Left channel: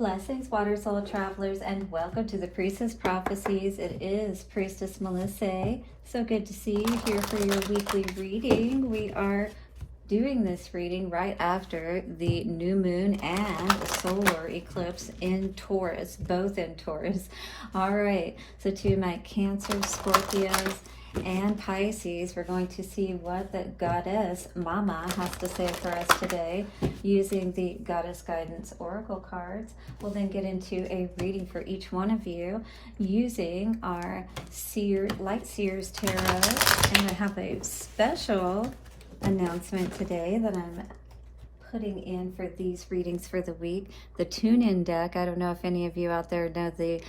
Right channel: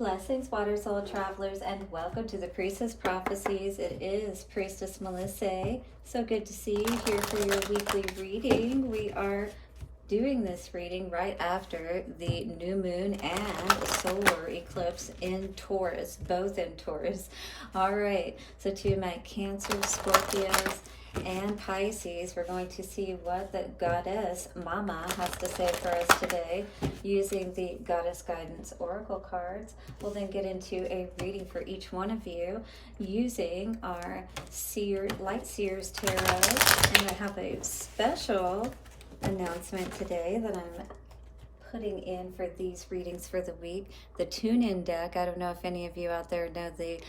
Blessings, water soul travelers, and welcome to the Priestess Prophecies. It is Priestess Melissae. So good to see you here for your weekly reading. We are doing this reading right after the new moon and solar eclipse in Taurus, both in Taurus. All right, so to my Cancer, Scorpios, and Pisces, we're going to see what the goddess Mama has to say for us today using the Goddess Guidance Oracle cards. We'll then get into a reading for each one of you using our Light Seers Tarot. And I have a special announcement today that I'm putting in for these readings for the week. The Toon deck, I don't know if any of you out there know the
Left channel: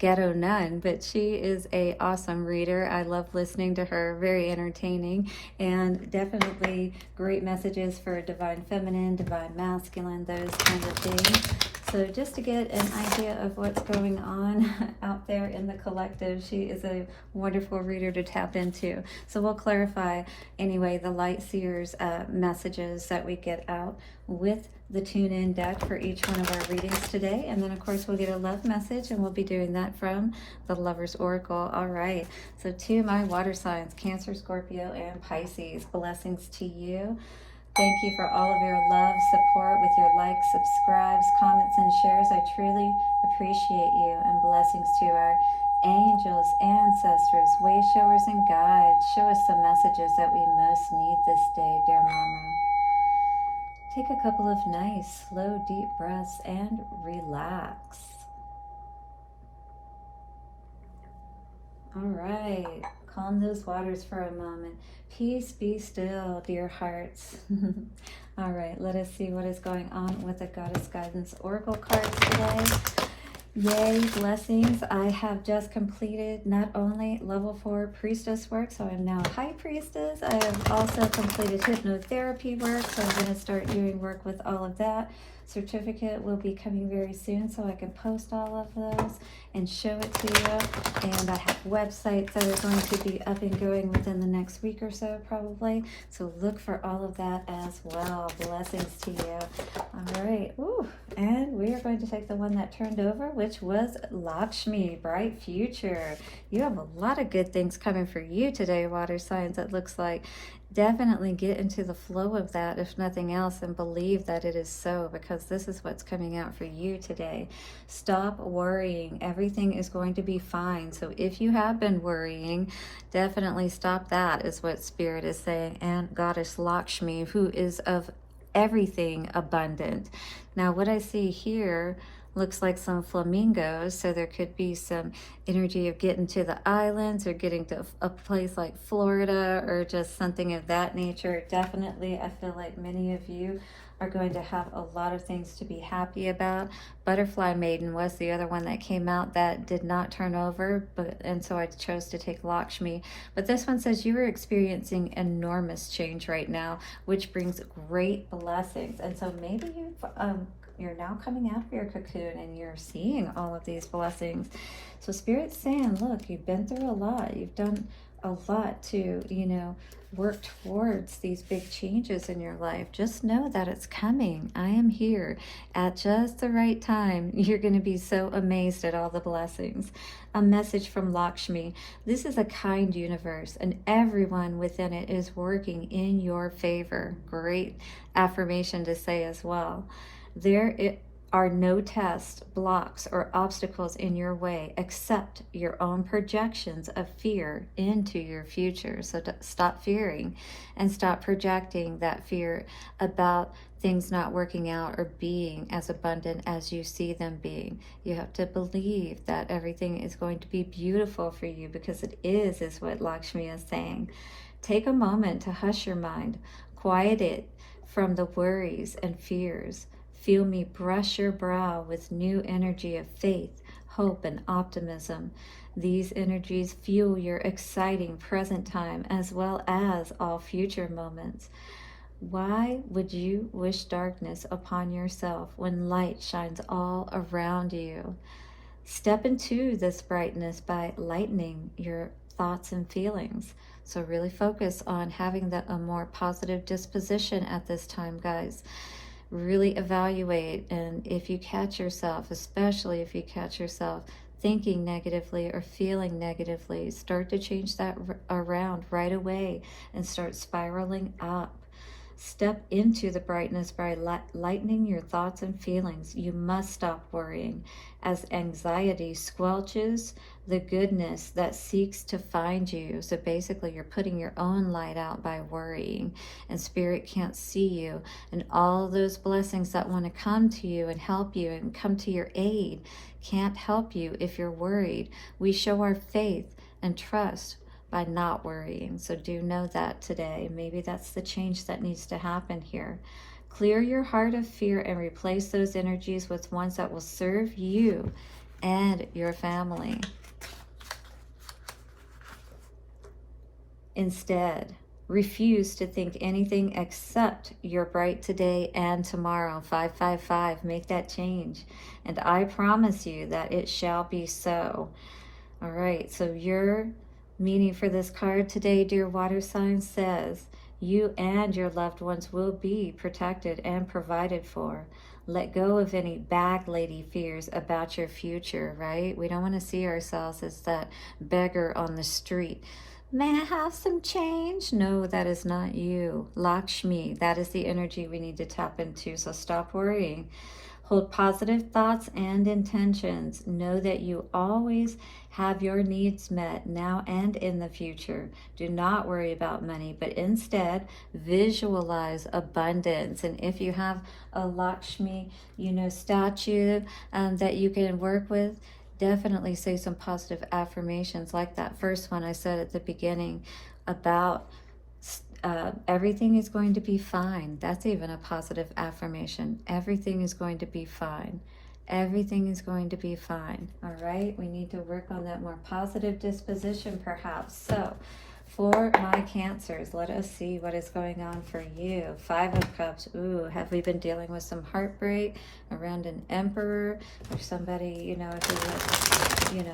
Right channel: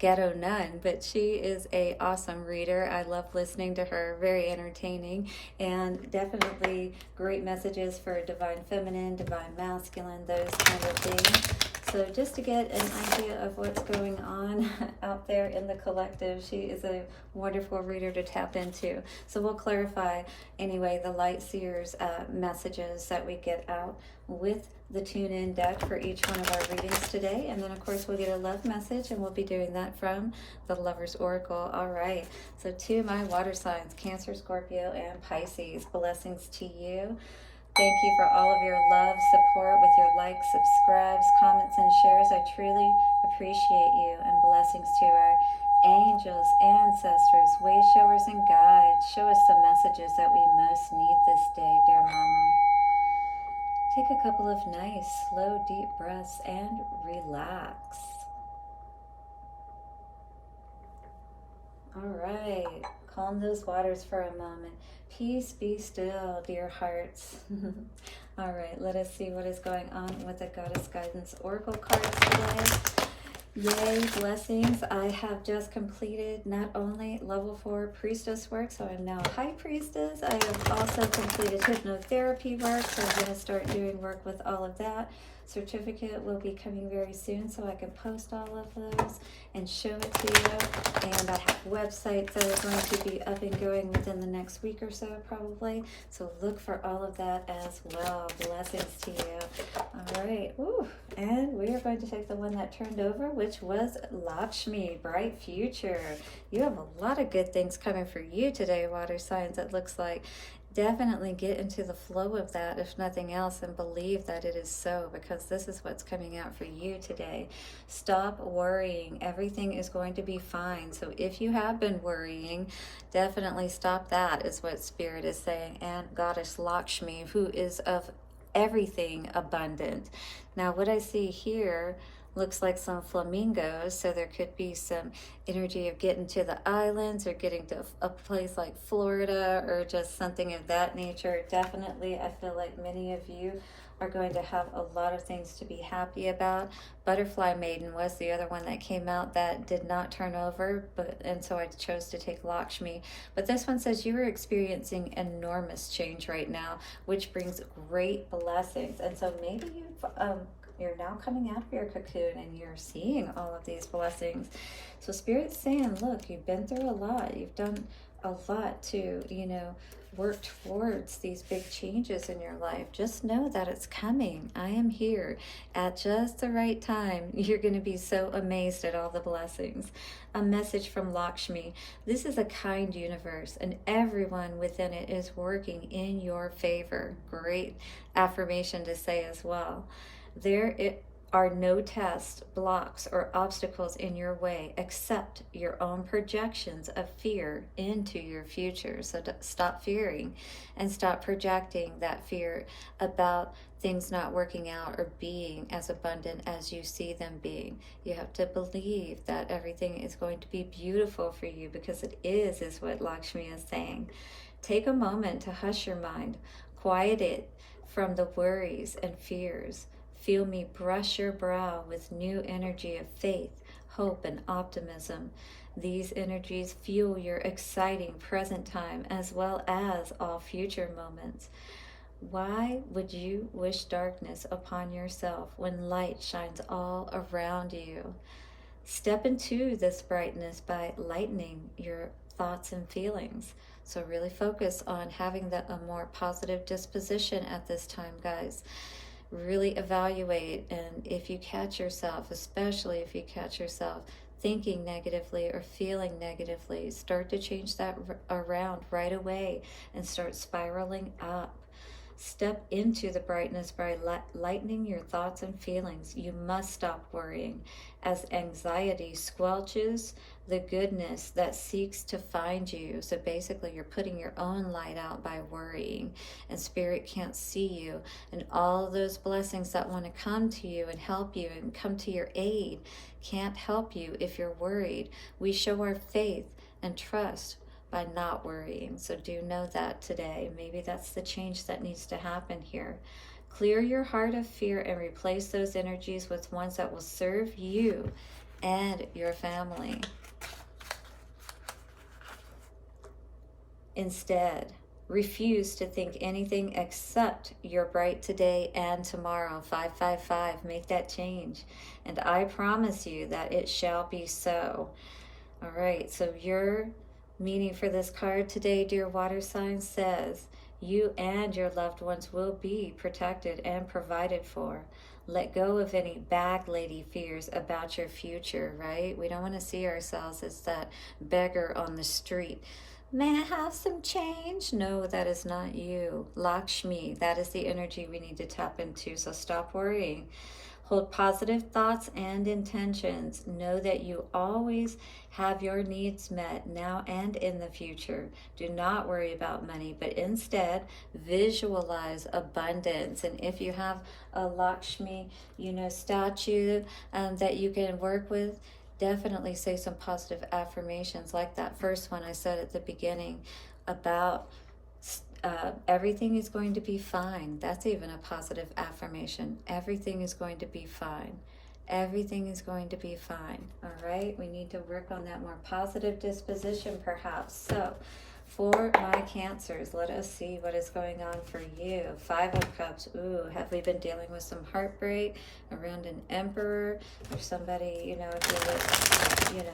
Ghetto Nun, but she is a awesome reader. I love listening to her, very entertaining, and definitely great messages for divine feminine, divine masculine, those kind of things. So just to get an idea of what's going on out there in the collective, she is a wonderful reader to tap into. So we'll clarify anyway the Light Seers messages that we get out with the Tune-In deck for each one of our readings today. And then of course we'll get a love message, and we'll be doing that from the Lover's Oracle. All right, so to my water signs, Cancer, Scorpio, and Pisces, blessings to you. Thank you for all of your love, support with your likes, subscribes, comments, and shares. I truly appreciate you. And blessings to our angels, ancestors, way showers, and guides. Show us the messages that we most need this day, dear Mama. Take a couple of nice, slow, deep breaths and relax. All right, calm those waters for a moment. Peace, be still, dear hearts. All right, let us see what is going on with the Goddess Guidance Oracle cards today. Yay, blessings. I have just completed not only level 4 priestess work, so I'm now high priestess. I have also completed hypnotherapy work, so I'm going to start doing work with all of that. Certificate will be coming very soon, so I can post all of those and show it to you. And I have websites that are going to be up and going within the next week or so, probably. So look for all of that as well. Blessings to you. All right. Ooh. And we are going to take the one that turned over, which was Lakshmi, bright future. You have a lot of good things coming for you today, water signs, it looks like. Definitely get into the flow of that, if nothing else, and believe that it is so, because this is what's coming out for you today. Stop worrying. Everything is going to be fine. So if you have been worrying, definitely stop that, is what Spirit is saying. And Goddess Lakshmi, who is of everything abundant. Now, what I see here looks like some flamingos, so there could be some energy of getting to the islands or getting to a place like Florida or just something of that nature. Definitely, I feel like many of you are going to have a lot of things to be happy about. Butterfly Maiden was the other one that came out that did not turn over, and so I chose to take Lakshmi. But this one says you are experiencing enormous change right now, which brings great blessings. And so maybe you're now coming out of your cocoon and you're seeing all of these blessings. So Spirit's saying, look, you've been through a lot. You've done a lot to, work towards these big changes in your life. Just know that it's coming. I am here at just the right time. You're going to be so amazed at all the blessings. A message from Lakshmi. This is a kind universe, and everyone within it is working in your favor. Great affirmation to say as well. There are no tests, blocks, or obstacles in your way except your own projections of fear into your future. So stop fearing and stop projecting that fear about things not working out or being as abundant as you see them being. You have to believe that everything is going to be beautiful for you, because it is what Lakshmi is saying. Take a moment to hush your mind, quiet it from the worries and fears. Feel me brush your brow with new energy of faith, hope, and optimism. These energies fuel your exciting present time as well as all future moments. Why would you wish darkness upon yourself when light shines all around you? Step into this brightness by lightening your thoughts and feelings. So really focus on having a more positive disposition at this time, guys. really evaluate. And if you catch yourself, especially if you catch yourself thinking negatively or feeling negatively, start to change that around right away and start spiraling up. Step into the brightness by lightening your thoughts and feelings. You must stop worrying, as anxiety squelches the goodness that seeks to find you. So basically, you're putting your own light out by worrying, and spirit can't see you. And all those blessings that want to come to you and help you and come to your aid can't help you if you're worried. We show our faith and trust by not worrying. So do know that today. Maybe that's the change that needs to happen here. Clear your heart of fear and replace those energies with ones that will serve you and your family. Instead, refuse to think anything except your bright today and tomorrow. 555, make that change. And I promise you that it shall be so. All right, so your meaning for this card today, dear water signs, says you and your loved ones will be protected and provided for. Let go of any bag lady fears about your future, right? We don't want to see ourselves as that beggar on the street. May I have some change? No, that is not you. Lakshmi, that is the energy we need to tap into, so stop worrying. Hold positive thoughts and intentions. Know that you always have your needs met now and in the future. Do not worry about money, but instead visualize abundance. And if you have a Lakshmi, statue that you can work with, definitely say some positive affirmations like that first one I said at the beginning about everything is going to be fine. That's even a positive affirmation. Everything is going to be fine. Everything is going to be fine. All right, we need to work on that more positive disposition perhaps. So for my Cancers, let us see what is going on for you. 5 of Cups. Ooh, have we been dealing with some heartbreak around an Emperor or somebody, if you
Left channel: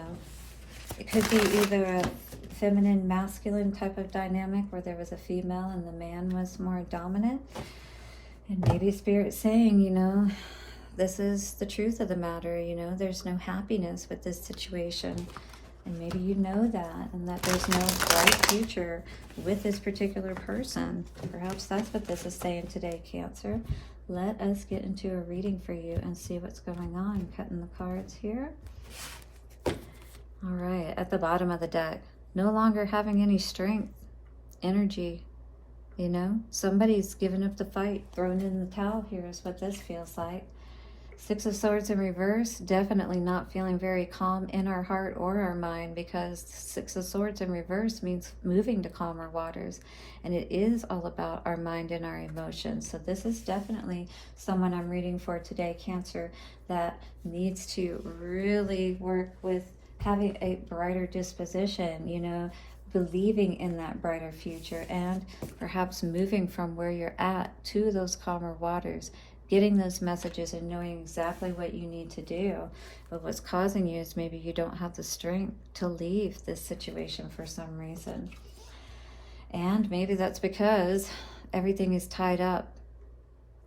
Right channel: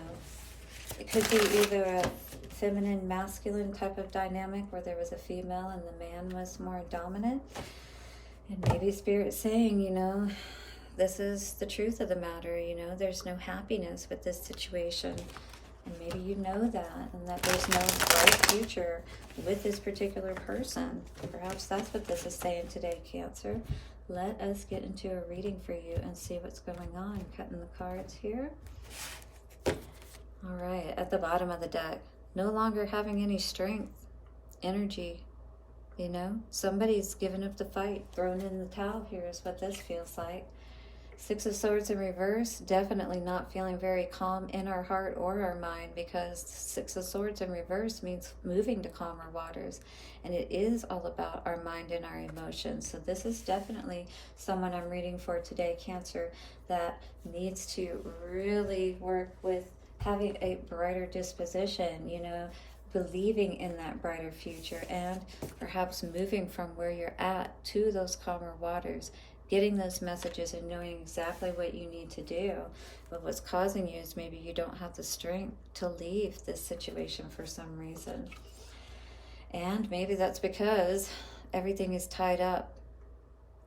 it could be either a feminine, masculine type of dynamic where there was a female and the man was more dominant. And maybe Spirit saying, this is the truth of the matter, there's no happiness with this situation. And maybe you know that, and that there's no bright future with this particular person. Perhaps that's what this is saying today, Cancer. Let us get into a reading for you and see what's going on. I'm cutting the cards here. All right, at the bottom of the deck, no longer having any strength, energy, somebody's given up the fight, thrown in the towel here is what this feels like. 6 of Swords in reverse, definitely not feeling very calm in our heart or our mind, because 6 of Swords in reverse means moving to calmer waters. And it is all about our mind and our emotions. So this is definitely someone I'm reading for today, Cancer, that needs to really work with having a brighter disposition, believing in that brighter future, and perhaps moving from where you're at to those calmer waters, getting those messages and knowing exactly what you need to do. But what's causing you is maybe you don't have the strength to leave this situation for some reason. And maybe that's because everything is tied up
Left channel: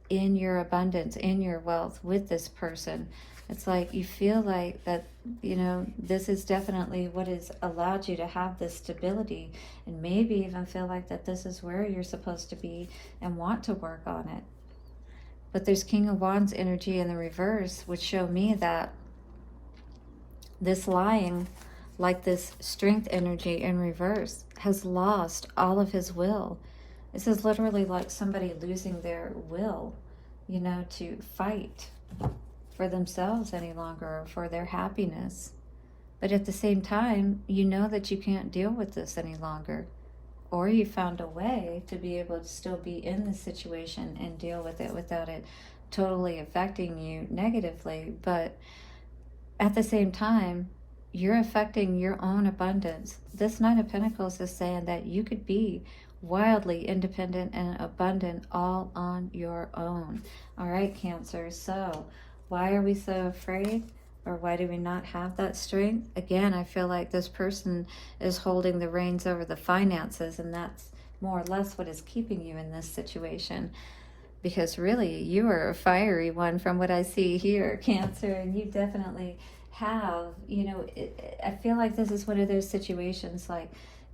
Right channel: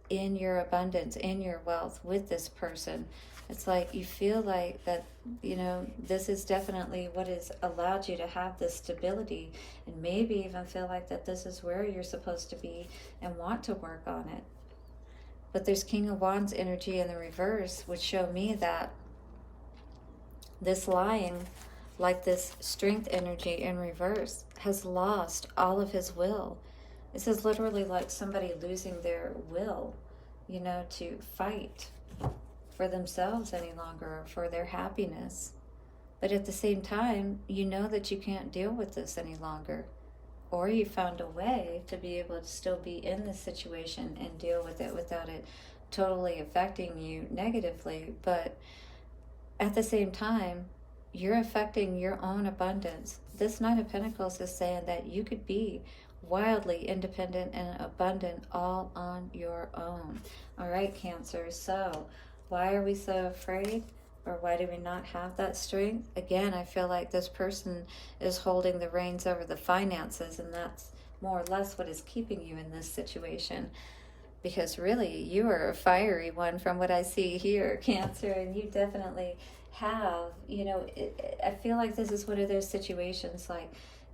in your abundance, in your wealth with this person. It's like you feel like that, this is definitely what has allowed you to have this stability, and maybe even feel like that this is where you're supposed to be and want to work on it. But there's King of Wands energy in the reverse, which show me that this lying, like this strength energy in reverse, has lost all of his will. This is literally like somebody losing their will, to fight for themselves any longer, or for their happiness. But at the same time, that you can't deal with this any longer. Or you found a way to be able to still be in the situation and deal with it without it totally affecting you negatively. But at the same time, you're affecting your own abundance. This Knight of Pentacles is saying that you could be wildly independent and abundant all on your own. All right, Cancer. So why are we so afraid? Or why do we not have that strength? Again, I feel like this person is holding the reins over the finances, and that's more or less what is keeping you in this situation. because really you are a fiery one from what I see here, Cancer, and you definitely have, you know, I feel like this is one of those situations, like,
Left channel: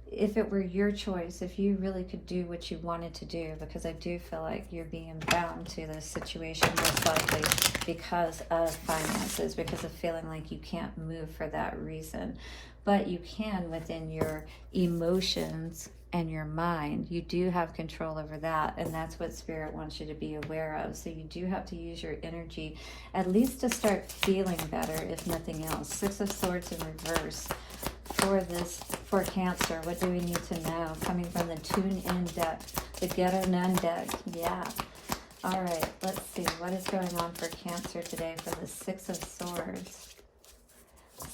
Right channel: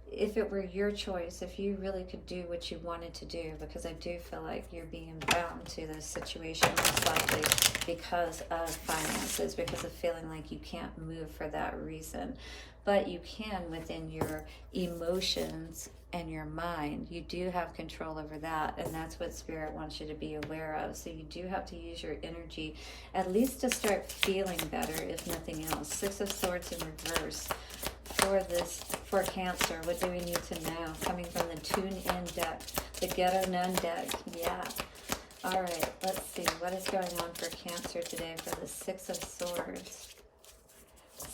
if it were your choice, if you really could do what you wanted to do, because I do feel like you're being bound to this situation most likely because of finances, because of feeling like you can't move for that reason. But you can within your emotions and your mind. You do have control over that, and that's what Spirit wants you to be aware of. So you do have to use your energy at least to start feeling better, if nothing else. Six of Swords in reverse. For Cancer, what do we need to know? Coming from the Toon in deck, the Ghetto Nun deck. Yeah. All right, let's see. What is going on for Cancer today for the Six of Swords?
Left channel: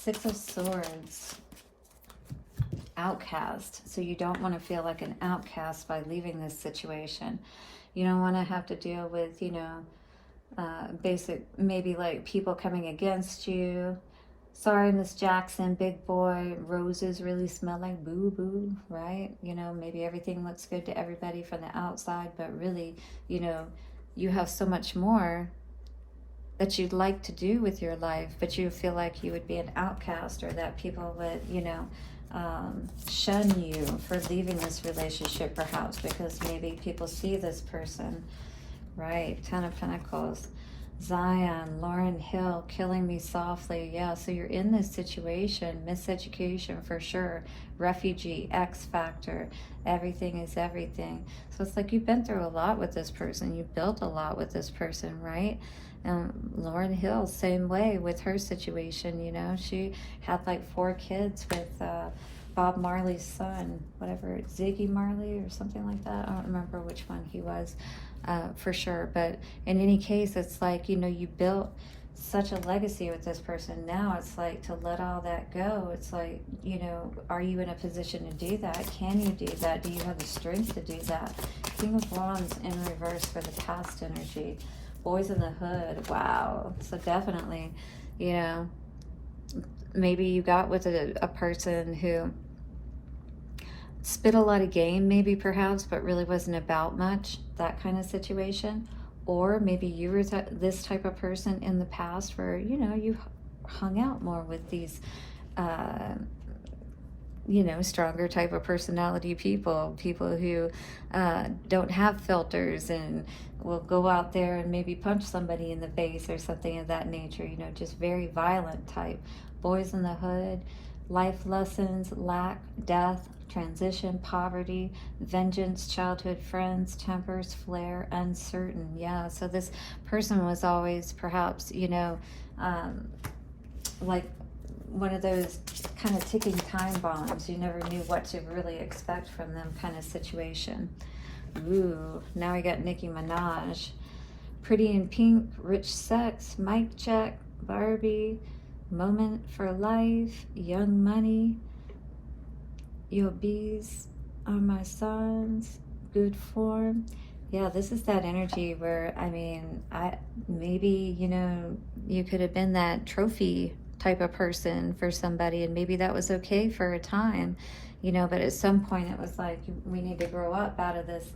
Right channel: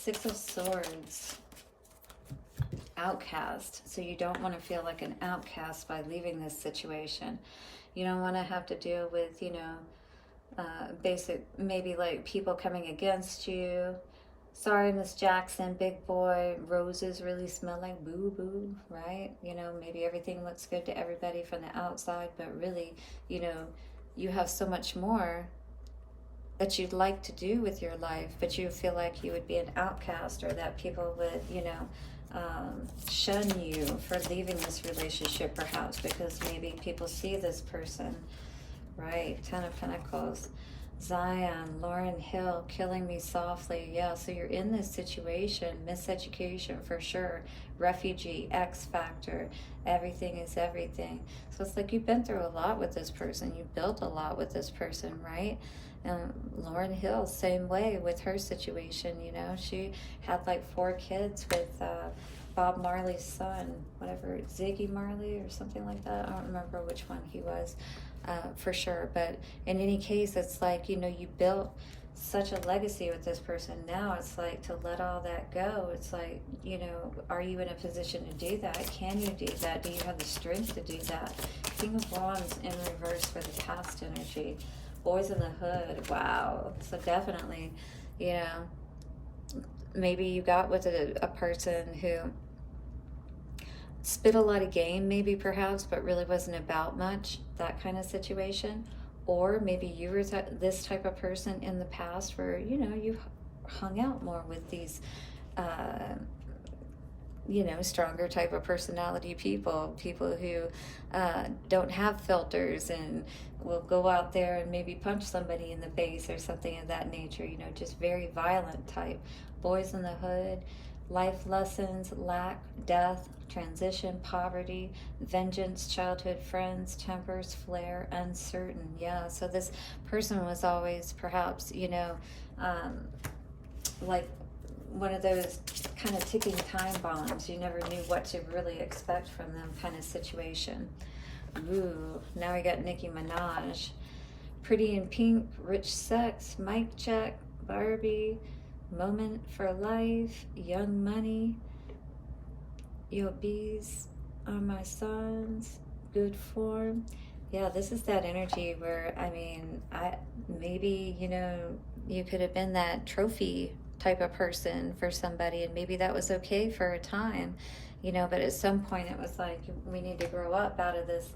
Six of Swords. Outcast. So you don't want to feel like an outcast by leaving this situation. You don't want to have to deal with, you know, basic, maybe like people coming against you. Sorry, Miss Jackson, big boy, roses really smell like boo-boo, right? You know, maybe everything looks good to everybody from the outside, but really, you know, you have so much more that you'd like to do with your life, but you feel like you would be an outcast, or that people would, you know, shun you for leaving this relationship, perhaps, because maybe people see this person, right? Ten of Pentacles. Zion, Lauryn Hill, Killing Me Softly. Yeah, so you're in this situation. Miseducation for sure. Refugee, X Factor. Everything is everything. So it's like you've been through a lot with this person. You've built a lot with this person, right? Lauryn Hill, same way with her situation. You know, she had like 4 kids with Bob Marley's son, whatever, Ziggy Marley or something like that. I don't remember which one he was. For sure, but in any case, it's like, you know, you built such a legacy with this person. Now it's like to let all that go. It's like, you know, are you in a position to do that? Can you do that? Do you have the strength to do that? King of Wands in reverse for the past energy. Boys in the Hood. Wow. So definitely, you know, maybe you got with a person who spit a lot of game, maybe, perhaps, but really wasn't about much, that kind of situation. Or maybe you were this type of person in the past where, you know, you hung out more with these, you know, stronger type of personality people who don't have filters and will go out there and maybe punch somebody in the face or something of that nature, you know, just very violent type. Boys in the Hood, life lessons, lack, death, transition, poverty, vengeance, childhood friends, tempers, flare, uncertain. Yeah, so this person was always perhaps, you know, like one of those kind of ticking time bombs. You never knew what to really expect from them kind of situation. Ooh, now we got Nicki Minaj. Pretty in Pink, Rich Sex, Mic Check, Barbie, Moment for Life, Young Money, Your Bees Are My Sons, Good Form. Yeah, this is that energy where, I mean, maybe, you know, you could have been that trophy type of person for somebody, and maybe that was okay for a time, you know, but at some point it was like, we need to grow up out of this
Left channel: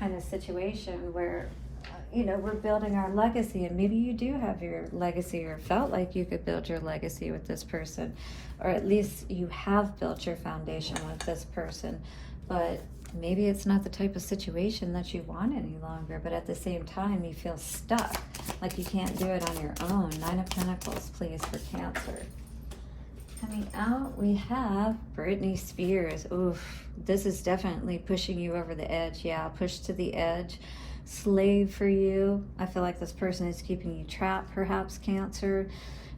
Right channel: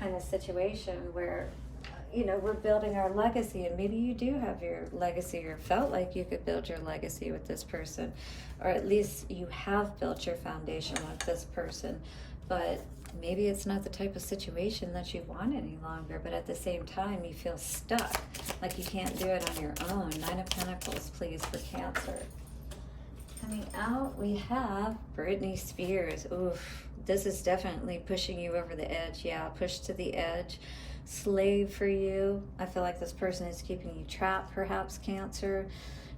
kind of situation where, you know, we're building our legacy, and maybe you do have your legacy, or felt like you could build your legacy with this person, or at least you have built your foundation with this person, but maybe it's not the type of situation that you want any longer. But at the same time, you feel stuck, like you can't do it on your own. Nine of Pentacles, please, for Cancer. Coming out, we have Britney Spears. Oof, this is definitely pushing you over the edge. Yeah, push to the edge. Slave for you. I feel like this person is keeping you trapped, perhaps, Cancer.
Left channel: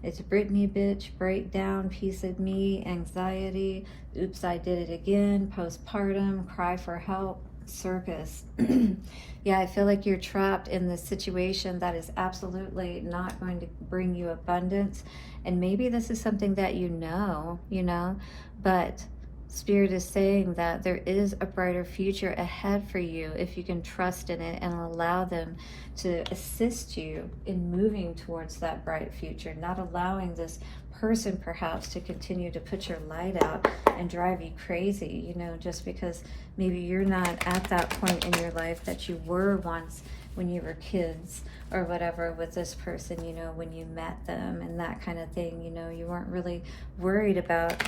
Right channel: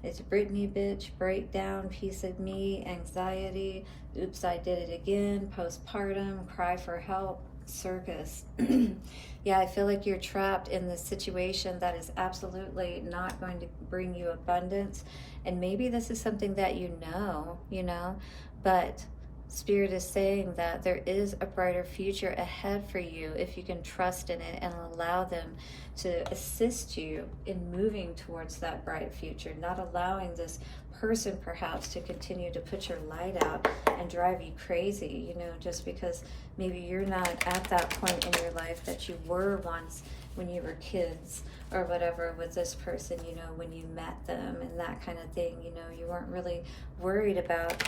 It's Britney bitch, breakdown, piece of me, anxiety, oops, I did it again, postpartum, cry for help, circus. Yeah, I feel like you're trapped in this situation that is absolutely not going to bring you abundance. And maybe this is something that you know, but Spirit is saying that there is a brighter future ahead for you if you can trust in it and allow them to assist you in moving towards that bright future, not allowing this person perhaps to continue to put your light out and drive you crazy, you know, just because maybe you're not at that point in your life that you were once when you were kids or whatever with this person, you know, when you met them and that kind of thing. You know, you weren't really worried about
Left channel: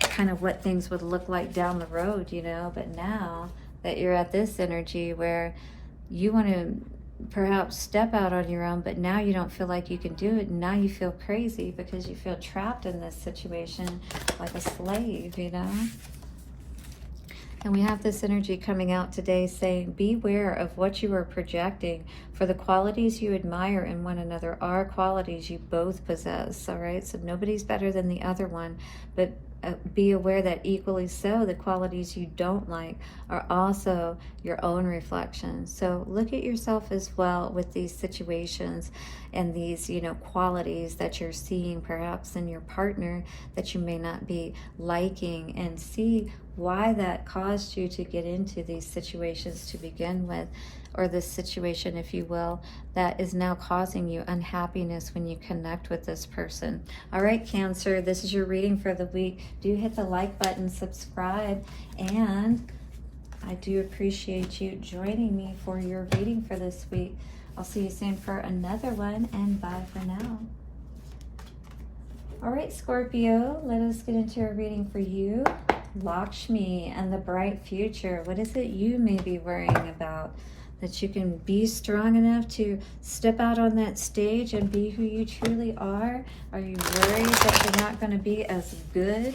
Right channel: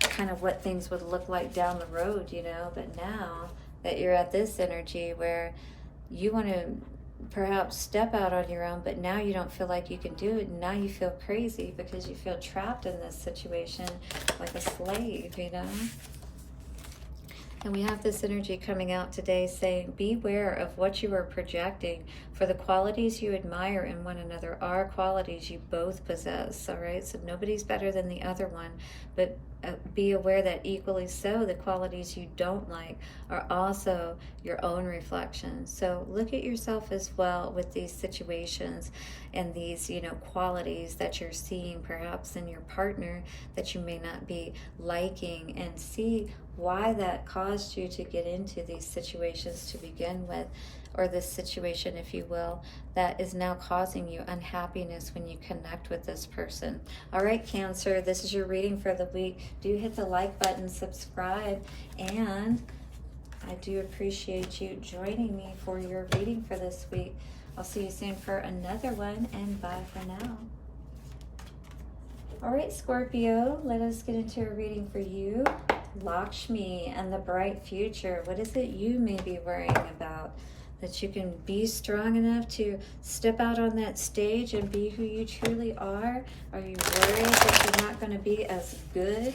kind of what things would look like down the road, you know. But now that you're at this energy where you want to perhaps step out on your own, but now you don't feel like you can do it, and now you feel crazy because you feel trapped in this situation like a slave, you know. And we have this energy coming out today saying, beware of what you are projecting, for the qualities you admire in one another are qualities you both possess. All right, so nobody's better than the other one, but be aware that equally so, the qualities you don't like are also your own reflections. So look at yourself as well with these situations and these, you know, qualities that you're seeing perhaps in your partner that you may not be liking, and see why that caused you to get into these situations to begin with, or this situation, if you will, that is now causing you unhappiness when you connect with this person. All right, Cancer, this is your reading for the week. Do hit the like button, subscribe, and I do appreciate you joining me for your reading for this week. I'll see you soon for another one, and bye for now. All right, Scorpio, let us get into our reading for you. Lakshmi and the bright future. What is it you may be worrying about? That you can be strong enough to step out on that stage and be who you truly are? Are you worried that you're not going to be as good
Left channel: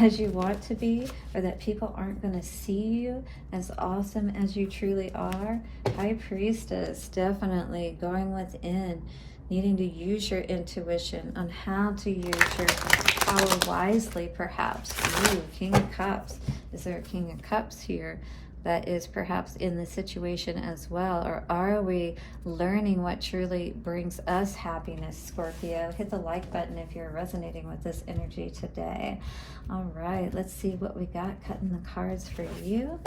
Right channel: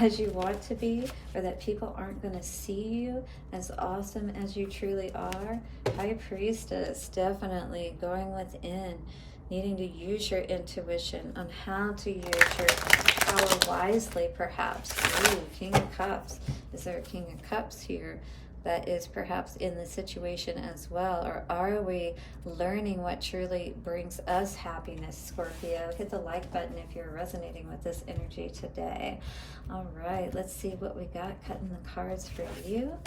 as you want to be, or that people aren't going to see you as awesome as you truly are? High Priestess, definitely going within, needing to use your intuition on how to use your power wisely, perhaps. Ooh, King of Cups. Is there a King of Cups here that is perhaps in the situation as well? Or are we learning what truly brings us happiness, Scorpio? Hit the like button if you're resonating with this energy today. All right, let's see what we got cutting the cards for you.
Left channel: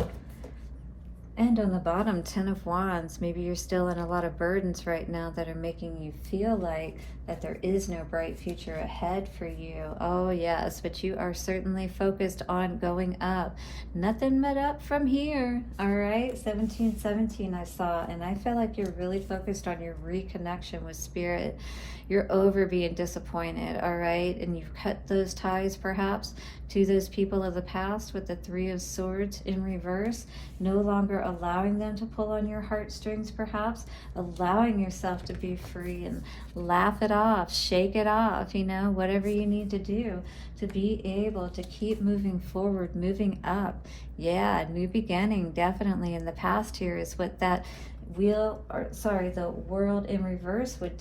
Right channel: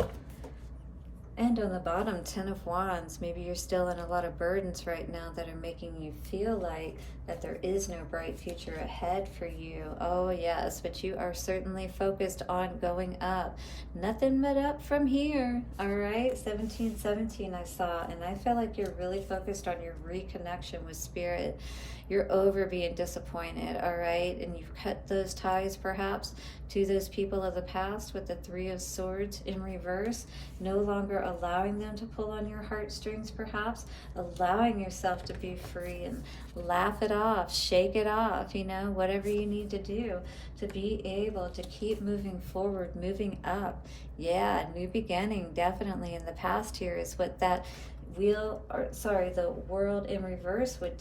And on the bottom, 10 of Wands. Maybe you're still in a lot of burdens right now that are making you feel like that there is no bright future ahead for you. Oh yes, but you are certainly focused on going up. Nothing but up from here. All right, 1717 I saw, and I feel like you're really focused on your reconnection with spirit. You're over being disappointed, all right? And you've cut those ties perhaps to those people of the past with the 3 of Swords in reverse, no longer allowing them to pull on your heartstrings perhaps, allowing yourself to be free and laugh it off, shake it off, you know, whatever you need to do to be able to keep moving forward, moving up. Yeah, new beginning, definitely. In the past here is what that the world in reverse would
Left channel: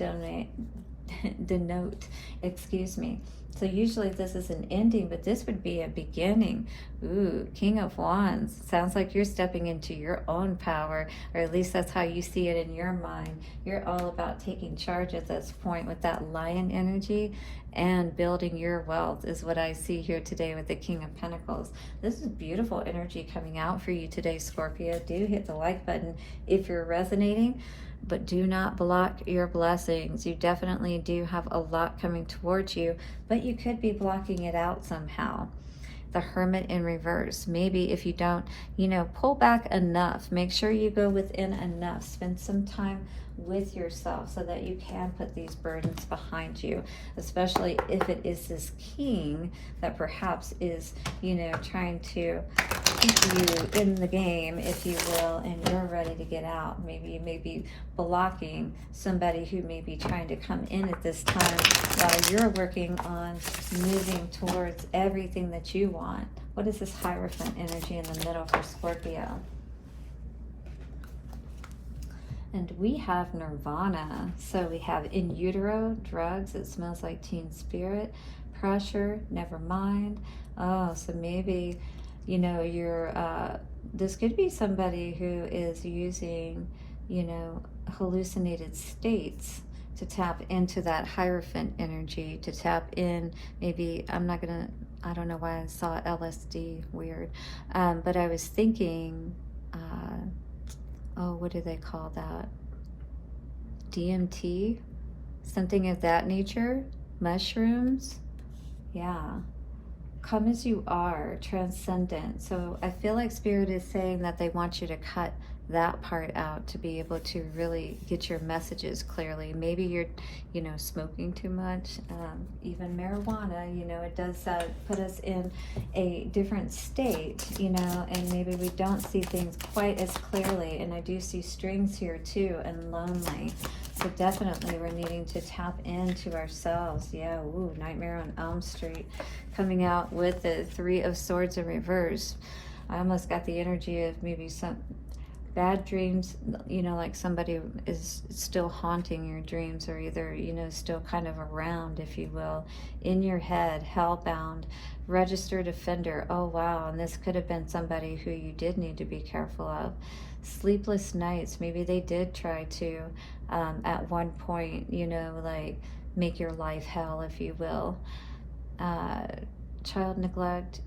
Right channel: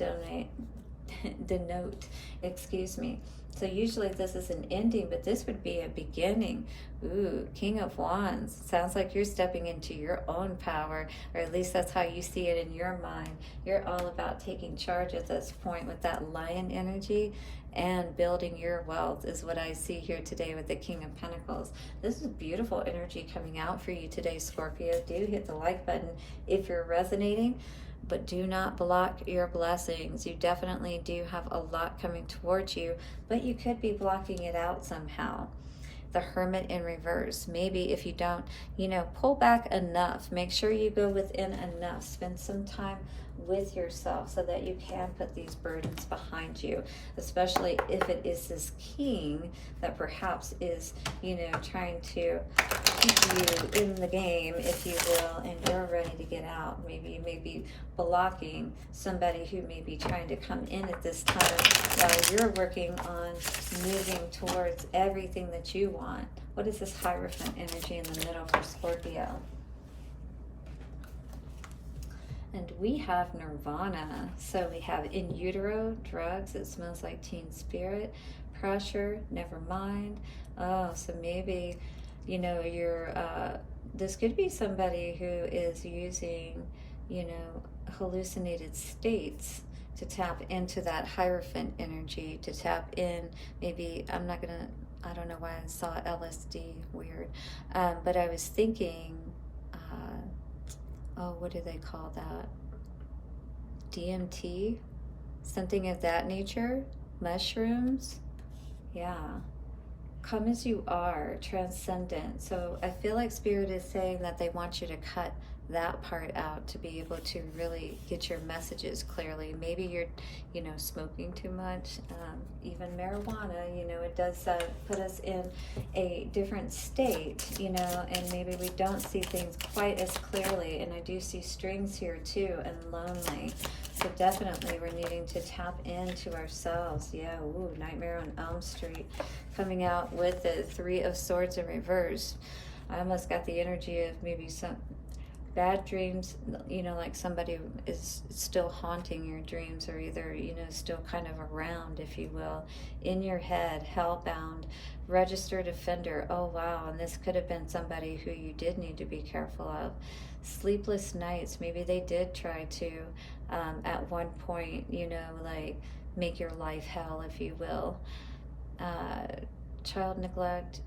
denote, excuse me. So usually this is an ending, but this would be a beginning. Ooh, King of Wands. Sounds like you're stepping into your own power, or at least that's how you see it in your mind. You're all about taking charge at this point with that lion energy and building your wealth is what I see here today with the King of Pentacles. This is beautiful energy coming out for you today, Scorpio. Do hit the like button if you're resonating, but do not block your blessings. You definitely do have a lot coming towards you, but you could be blocking it out somehow. The Hermit in reverse. Maybe if you don't, you know, pull back enough. Make sure you go within enough. Spend some time with yourself so that you can put these burdens behind you, especially if it is this king that perhaps is, you know, trying to keep you in the game, if you will, and you're ready to get out. Maybe you may be blocking somebody who may be trying to come in at this time while you're working on moving towards everything that you want. What is this Hierophant energy in the middle for Scorpio? And we have Nirvana. So we have in utero, drugs, it smells like teen spirit, pressure, never mind. Oh, so maybe, you know, you're, this could be somebody who is using, you know, hallucinated states to tap into that Hierophant energy, to tap in, maybe, I don't know why I saw LSD, weird, but I was thinking, oh, what do they call that? DMT? Something of that nature? Mushrooms? Yeah. Come as you are, transcendent. So I feel like Spirit is saying that they want you to cut that part out to be able to really get your messages clearly. Maybe you're, you know, smoking too much, even marijuana, you know, it does put us in a different state, you know, and maybe we don't see things quite as clearly. And I do see strings here too, and lonely. So definitely we're needing to tap into ourselves. Yeah, ooh, Nightmare on Elm Street coming out with the Three of Swords in reverse. I almost got the energy of maybe some bad dreams, you know, like somebody is still haunting your dreams, or either, you know, still kind of around, if you will, in your head, hellbound, registered offender. Oh wow, and this could have been somebody who you did need to be careful of. Sleepless nights, maybe they did try to at one point, you know, like make your life hell, if you will. Child neglect.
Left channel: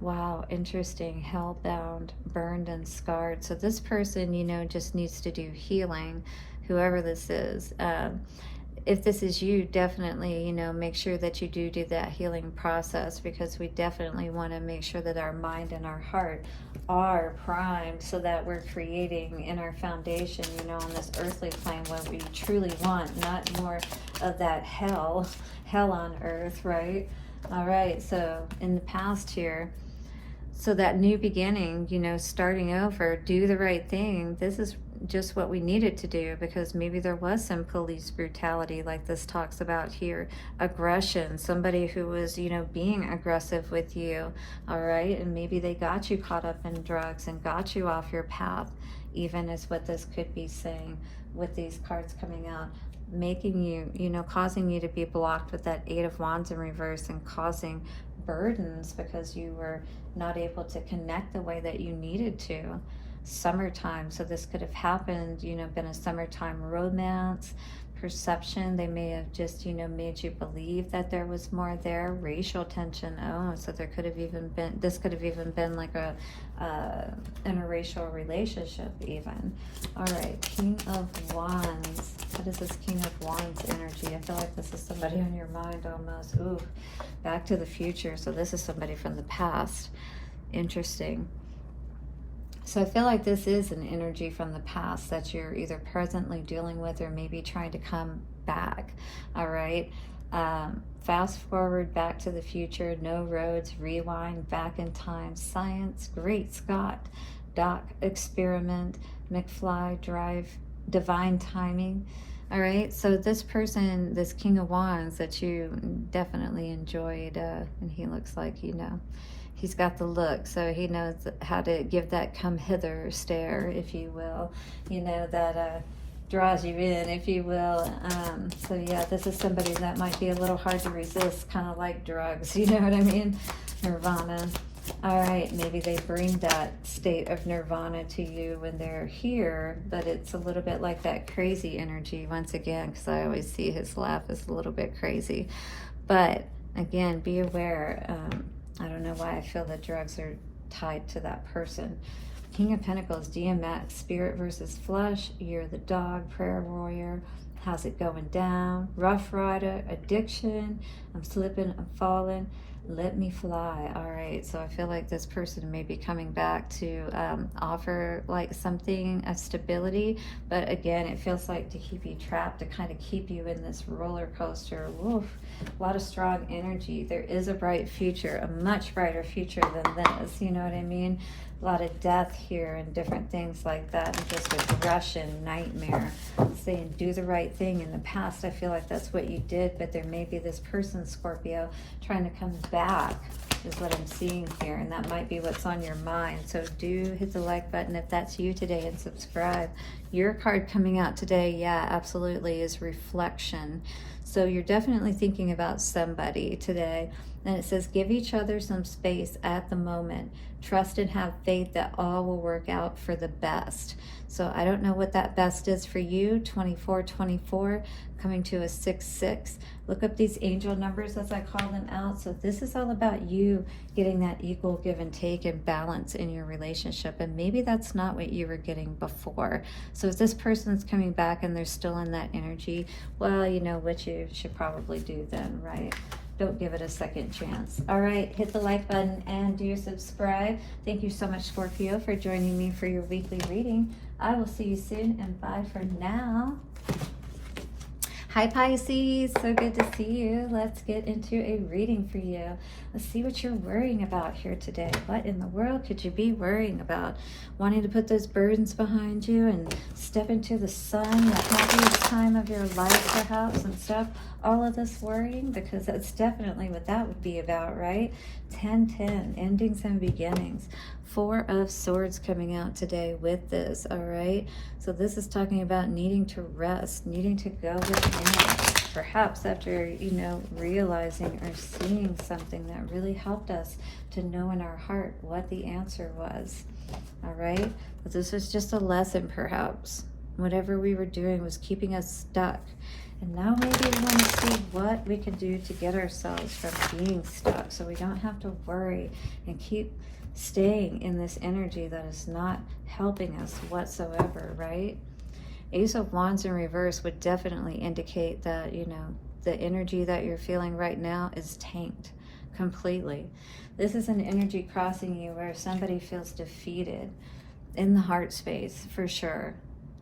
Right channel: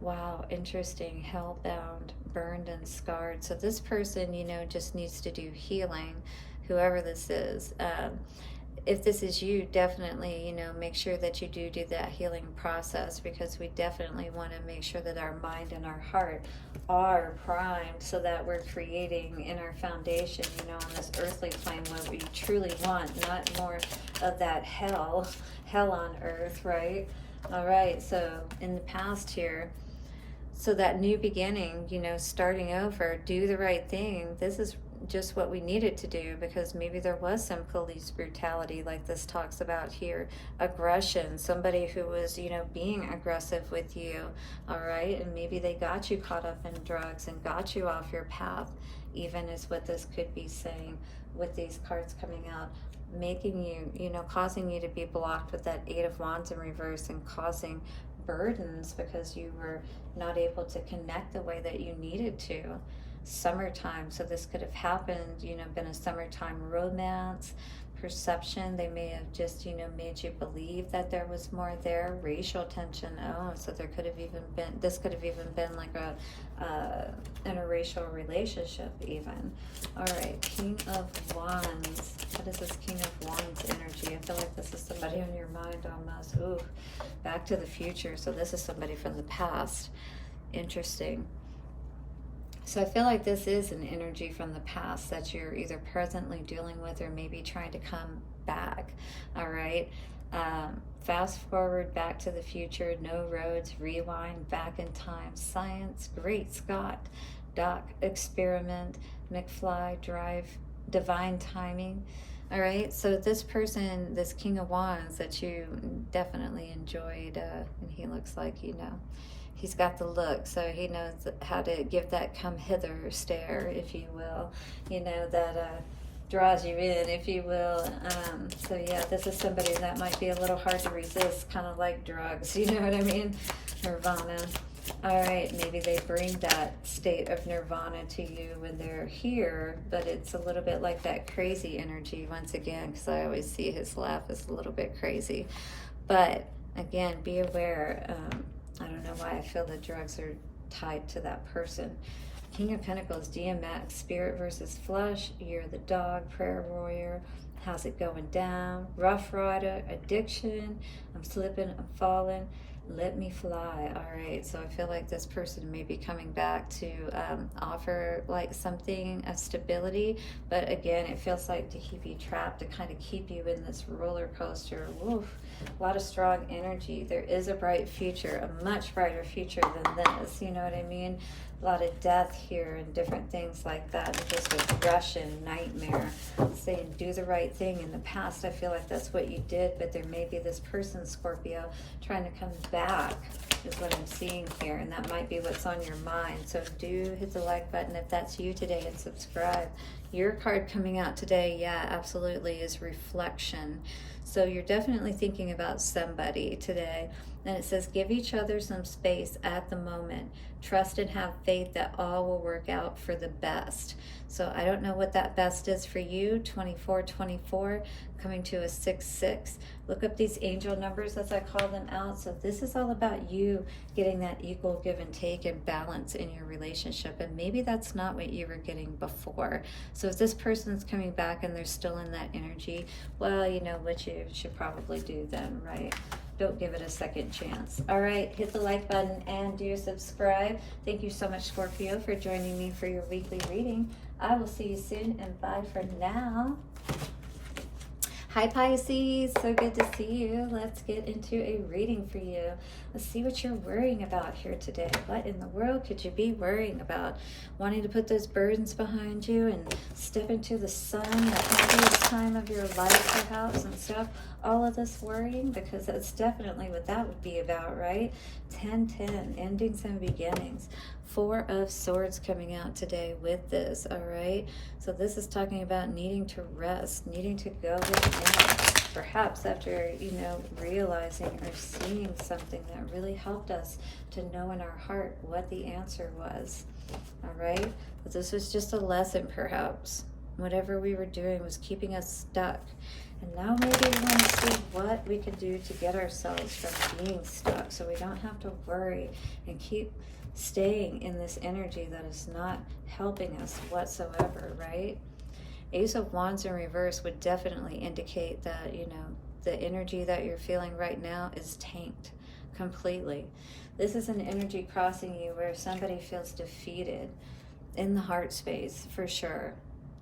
Wow, interesting. Hellbound, burned and scarred. So this person, you know, just needs to do healing, whoever this is. If this is you, definitely, you know, make sure that you do that healing process, because we definitely want to make sure that our mind and our heart are primed so that we're creating in our foundation, you know, on this earthly plane, what we truly want, not more of that hell on earth, right? All right, so in the past here, so that new beginning, you know, starting over, do the right thing. This is just what we needed to do, because maybe there was some police brutality like this talks about here, aggression, somebody who was, you know, being aggressive with you, all right, and maybe they got you caught up in drugs and got you off your path, even is what this could be saying with these cards coming out, making you, you know, causing you to be blocked with that Eight of Wands in reverse, and causing burdens because you were not able to connect the way that you needed to. Summertime, so this could have happened, you know, been a summertime romance, perception. They may have just, you know, made you believe that there was more there. Racial tension. Oh, so there could have even been, this could have even been like a interracial relationship even. All right, King of Wands. What is this King of Wands energy? I feel like this is somebody on your mind almost. Ooh, Back to the Future. So this is somebody from the past. Interesting. So I feel like this is an energy from the past that you're either presently dealing with, or maybe trying to come back. All right. Fast forward, back to the future, no roads, rewind, back in time, science, Great Scott, Doc, experiment, McFly, drive, divine timing. All right, so this person, this King of Wands that you definitely enjoyed, and he looks like, you know, he's got the look, so he knows how to give that come hither stare, if you will, you know, that draws you in, if you will. So yeah, this is somebody that might be a little hard to resist, kind of like drugs, you know what I mean? Nirvana. All right, maybe they bring that state of nirvana to you when they're here, but it's a little bit like that crazy energy once again, because I always see his laugh is a little bit crazy. But again, be aware. I don't know why I feel that drugs are tied to that person. King of Pentacles, DMX, spirit versus flesh. You're the dog, prayer warrior. How's it going down? Rough rider, addiction. I'm slipping, I'm falling. Let me fly. All right, so I feel like this person may be coming back to offer like something of stability, but again, it feels like to keep you trapped, to kind of keep you in this roller coaster. Woof, a lot of strong energy. There is a bright future, a much brighter future than this, you know what I mean? A lot of death here and different things like that, and just aggression, nightmare, saying do the right thing. In the past, I feel like that's what you did, but there may be this person, Scorpio, trying to come back, is what I'm seeing here, and that might be what's on your mind. So do hit the like button if that's you today, and subscribe. Your card coming out today, yeah, absolutely, is reflection. So you're definitely thinking about somebody today, and it says give each other some space at the moment. Trust and have faith that all will work out for the best. So I don't know what that best is for you. 2424 coming to a 6-6. Look up these angel numbers as I call them out. So this is all about you getting that equal give and take and balance in your relationship. And maybe that's not what you were getting before. So if this person's coming back and they're still in that energy, well, you know what you should probably do then, right? Don't give it a second chance. All right, hit the like button and do subscribe. Thank you so much, Scorpio, for joining me for your weekly reading. I will see you soon, and bye for now. Hi, Pisces. So good to see you. Let's get into a reading for you. Let's see what you're worrying about here today. What in the world could you be worrying about? Wanting to put those burdens behind you and step into the sun, the happiest time of your life, perhaps, and stop all of this worrying? Because that's definitely what that would be about, right? 10-10, endings and beginnings. 4 of Swords coming out today with this, all right? So this is talking about needing to rest, needing to go within, perhaps after, you know, realizing or seeing something that really helped us to know in our heart what the answer was, all right? But this is just a lesson, perhaps. Whatever we were doing was keeping us stuck. And now maybe we want to see what we can do to get ourselves from being stuck so we don't have to worry and keep staying in this energy that is not helping us whatsoever, right? Ace of Wands in reverse would definitely indicate that, you know, the energy that you're feeling right now is tanked completely. This is an energy crossing you where somebody feels defeated in the heart space, for sure.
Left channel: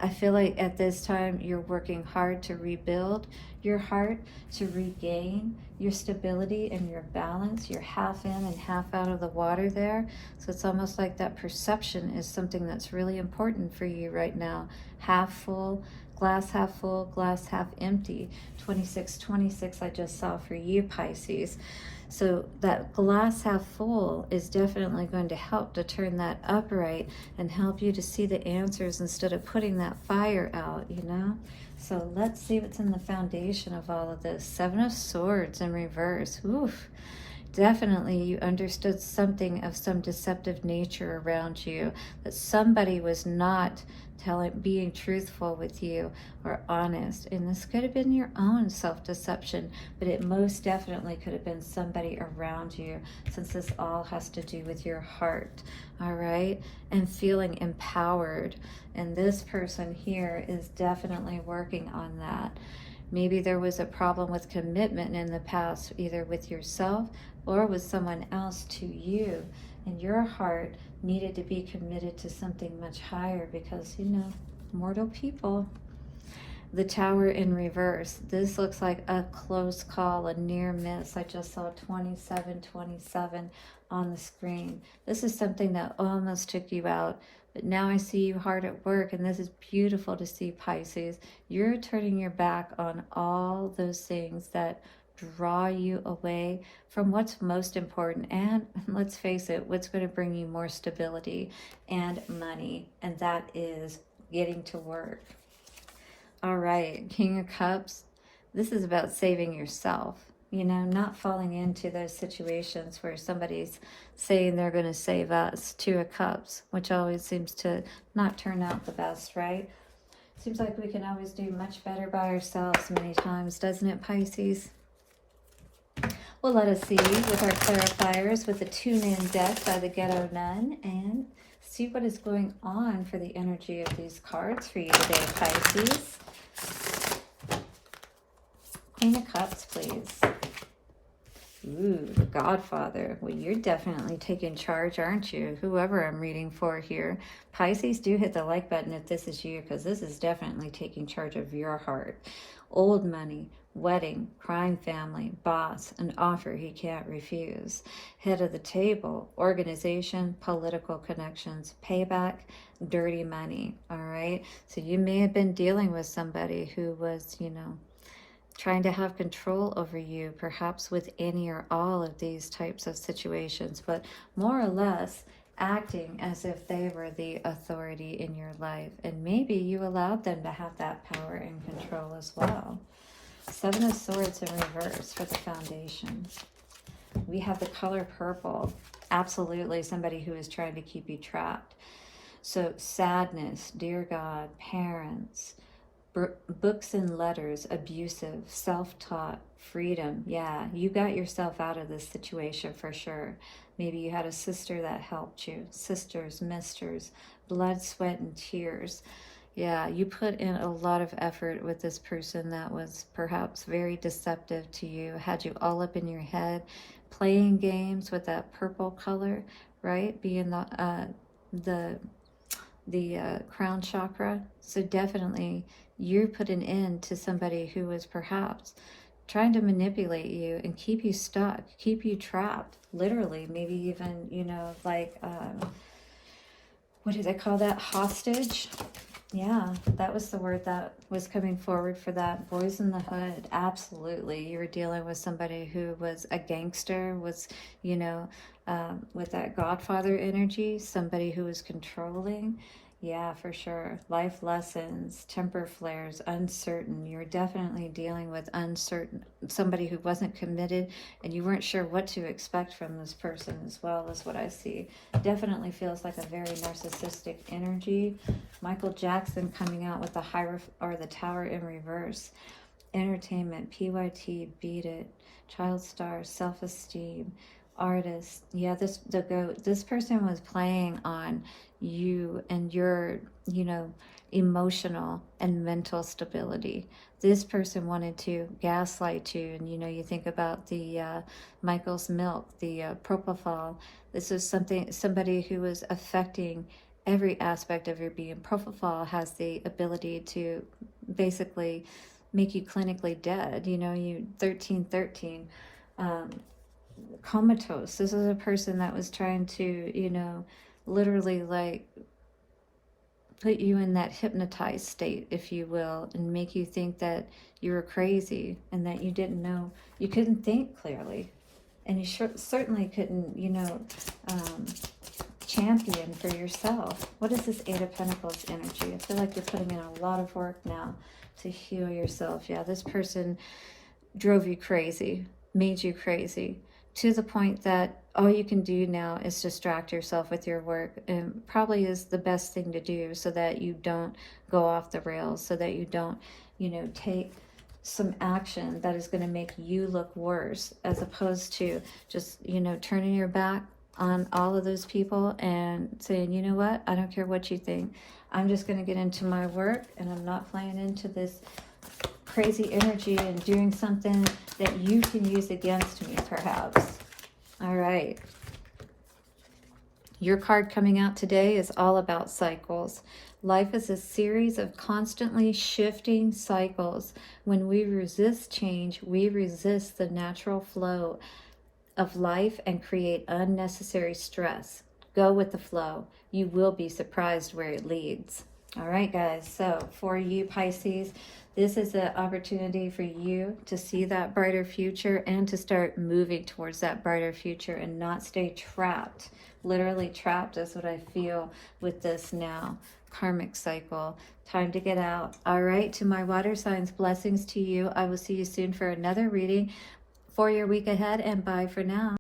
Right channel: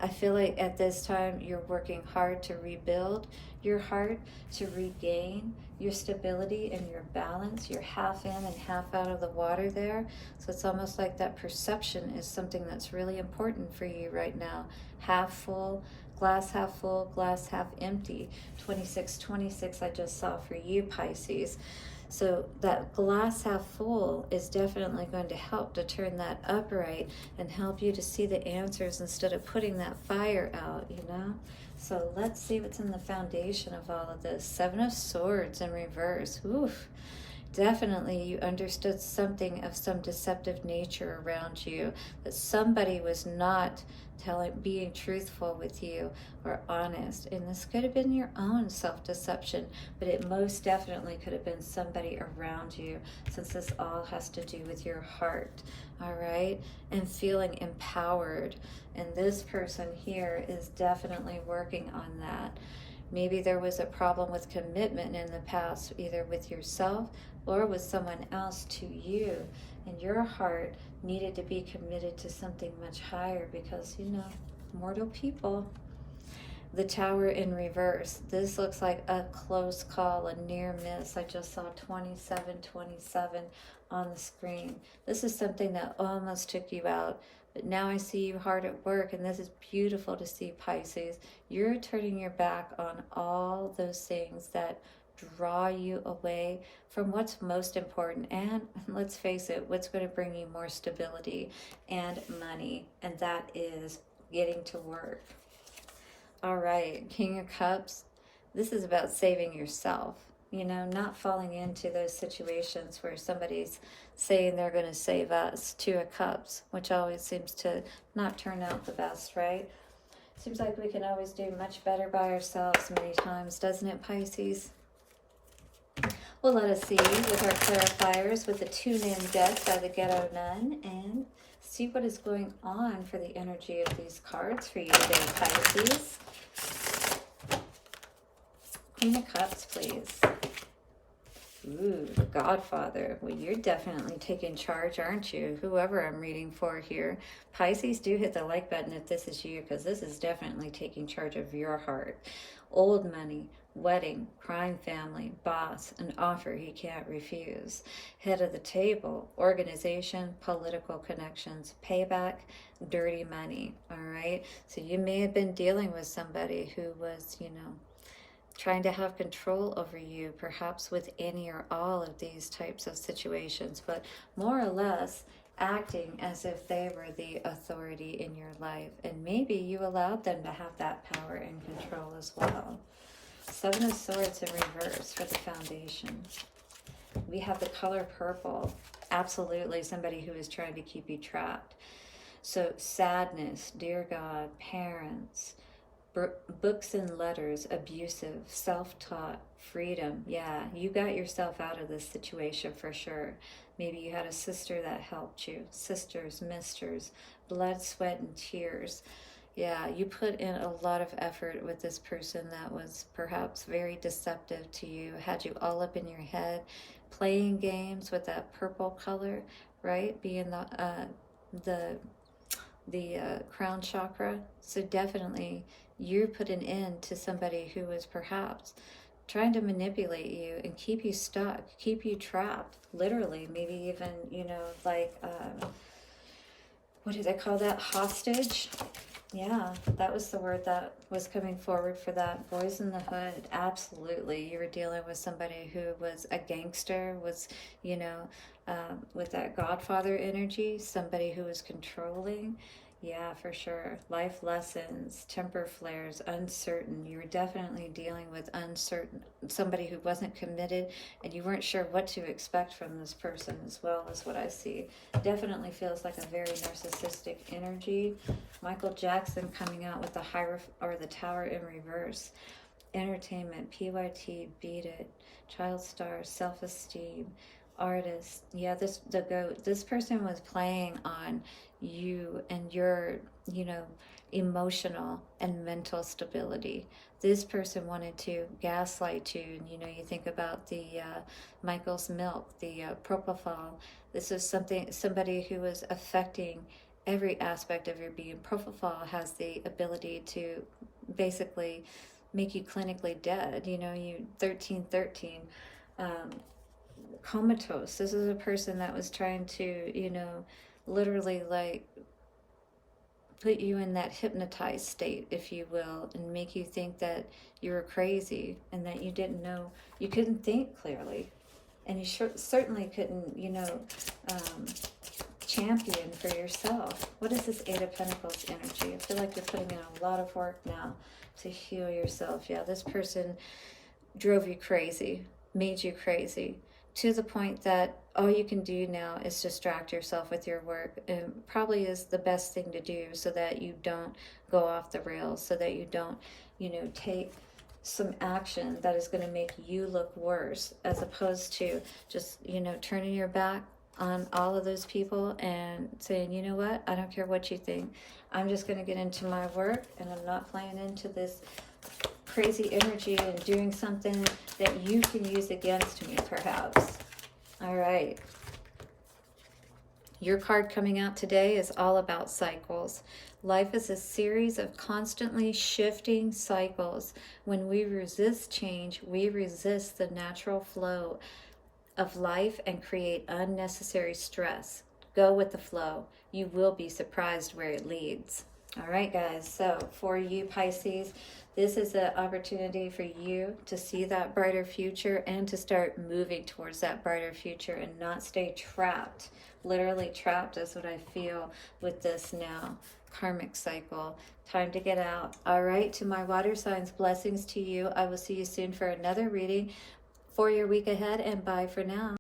I feel like at this time you're working hard to rebuild your heart, to regain your stability and your balance. You're half in and half out of the water there. So it's almost like that perception is something that's really important for you right now. Half full, glass half full, glass half empty. 26-26 I just saw for you, Pisces. So that glass half full is definitely going to help to turn that upright and help you to see the answers instead of putting that fire out, you know? So let's see what's in the foundation of all of this. 7 of Swords in reverse. Oof. Definitely you understood something of some deceptive nature around you, that somebody was not being truthful with you or honest. And this could have been your own self-deception, but it most definitely could have been somebody around you, since this all has to do with your heart, all right? And feeling empowered. And this person here is definitely working on that. Maybe there was a problem with commitment in the past, either with yourself or with someone else to you. And your heart needed to be committed to something much higher because, you know, mortal people. The Tower in reverse. This looks like a close call, a near miss. I just saw 27-27 on the screen. This is something that almost took you out. But now I see you hard at work, and this is beautiful to see, Pisces. You're turning your back on all those things that draw you away from what's most important, and let's face it, what's going to bring you more stability and money, and that is getting to work. All right, King of Cups. This is about saving yourself, you know, not falling into those situations where somebody's saying they're going to save us. 2 of Cups, which always seems to not turn out the best, right? Seems like we can always do much better by ourselves many times, doesn't it, Pisces? Well, let us see with our clarifiers with the Toon deck by the Ghetto Nun and see what is going on for the energy of these cards for you today, Pisces. Queen of Cups, please. Ooh, the Godfather. Well, you're definitely taking charge, aren't you? Whoever I'm reading for here. Pisces, do hit the like button if this is you, because this is definitely taking charge of your heart. Old money, wedding, crime family, boss, an offer he can't refuse. Head of the table, organization, political connections, payback, dirty money, all right? So you may have been dealing with somebody who was, you know, trying to have control over you, perhaps with any or all of these types of situations, but more or less acting as if they were the authority in your life. And maybe you allowed them to have that power and control as well. 7 of Swords in reverse for the foundation. We have the color purple. Absolutely somebody who is trying to keep you trapped. So sadness, dear God, parents, books and letters, abusive, self-taught, freedom. Yeah, you got yourself out of this situation for sure. Maybe you had a sister that helped you. Sisters, misters, blood, sweat, and tears. Yeah, you put in a lot of effort with this person that was perhaps very deceptive to you, had you all up in your head, playing games with that purple color, right? Being the crown chakra. So definitely you're putting in to somebody who was perhaps trying to manipulate you and keep you stuck, keep you trapped, literally, maybe even, you know, like, what do they call that? Hostage? Yeah, that was the word that was coming forward for that. Boys in the hood, absolutely. You were dealing with somebody who was a gangster, was, you know, with that Godfather energy, somebody who was controlling. Yeah, for sure. Life lessons, temper flares, uncertain. You're definitely dealing with uncertain, somebody who wasn't committed, and you weren't sure what to expect from this person as well, is what I see. Definitely feels like a very narcissistic energy. Michael Jackson coming out with the the tower in reverse. Entertainment, PYT, beat it. Child star, self-esteem, artist. Yeah, this person was playing on you and your, you know, emotional and mental stability. This person wanted to gaslight you, and you know, you think about the Michael's milk, the propofol. This is somebody who was affecting every aspect of your being. Propofol has the ability to basically make you clinically dead. You know, you 1313, comatose. This is a person that was trying to, you know, literally like put you in that hypnotized state, if you will, and make you think that you were crazy and that you didn't know, you couldn't think clearly, and you certainly couldn't, you know, champion for yourself. What is this Eight of Pentacles energy? I feel like you're putting in a lot of work now to heal yourself. Yeah, this person drove you crazy, made you crazy, to the point that all you can do now is distract yourself with your work, and probably is the best thing to do, so that you don't go off the rails, so that you don't, you know, take some action that is going to make you look worse, as opposed to just, you know, turning your back on all of those people and saying, you know what, I don't care what you think, I'm just going to get into my work, and I'm not playing into this crazy energy and doing something that you can use against me, perhaps. All right. Your card coming out today is all about cycles. Life is a series of constantly shifting cycles. When we resist change, we resist the natural flow of life and create unnecessary stress. Go with the flow. You will be surprised where it leads. All right, guys. So for you, Pisces, this is an opportunity for you to see that brighter future and to start moving towards that brighter future and not stay trapped. Literally trapped is what I feel with this now. Karmic cycle. Time to get out. All right, to my water signs, blessings to you. I will see you soon for another reading for your week ahead, and bye for now.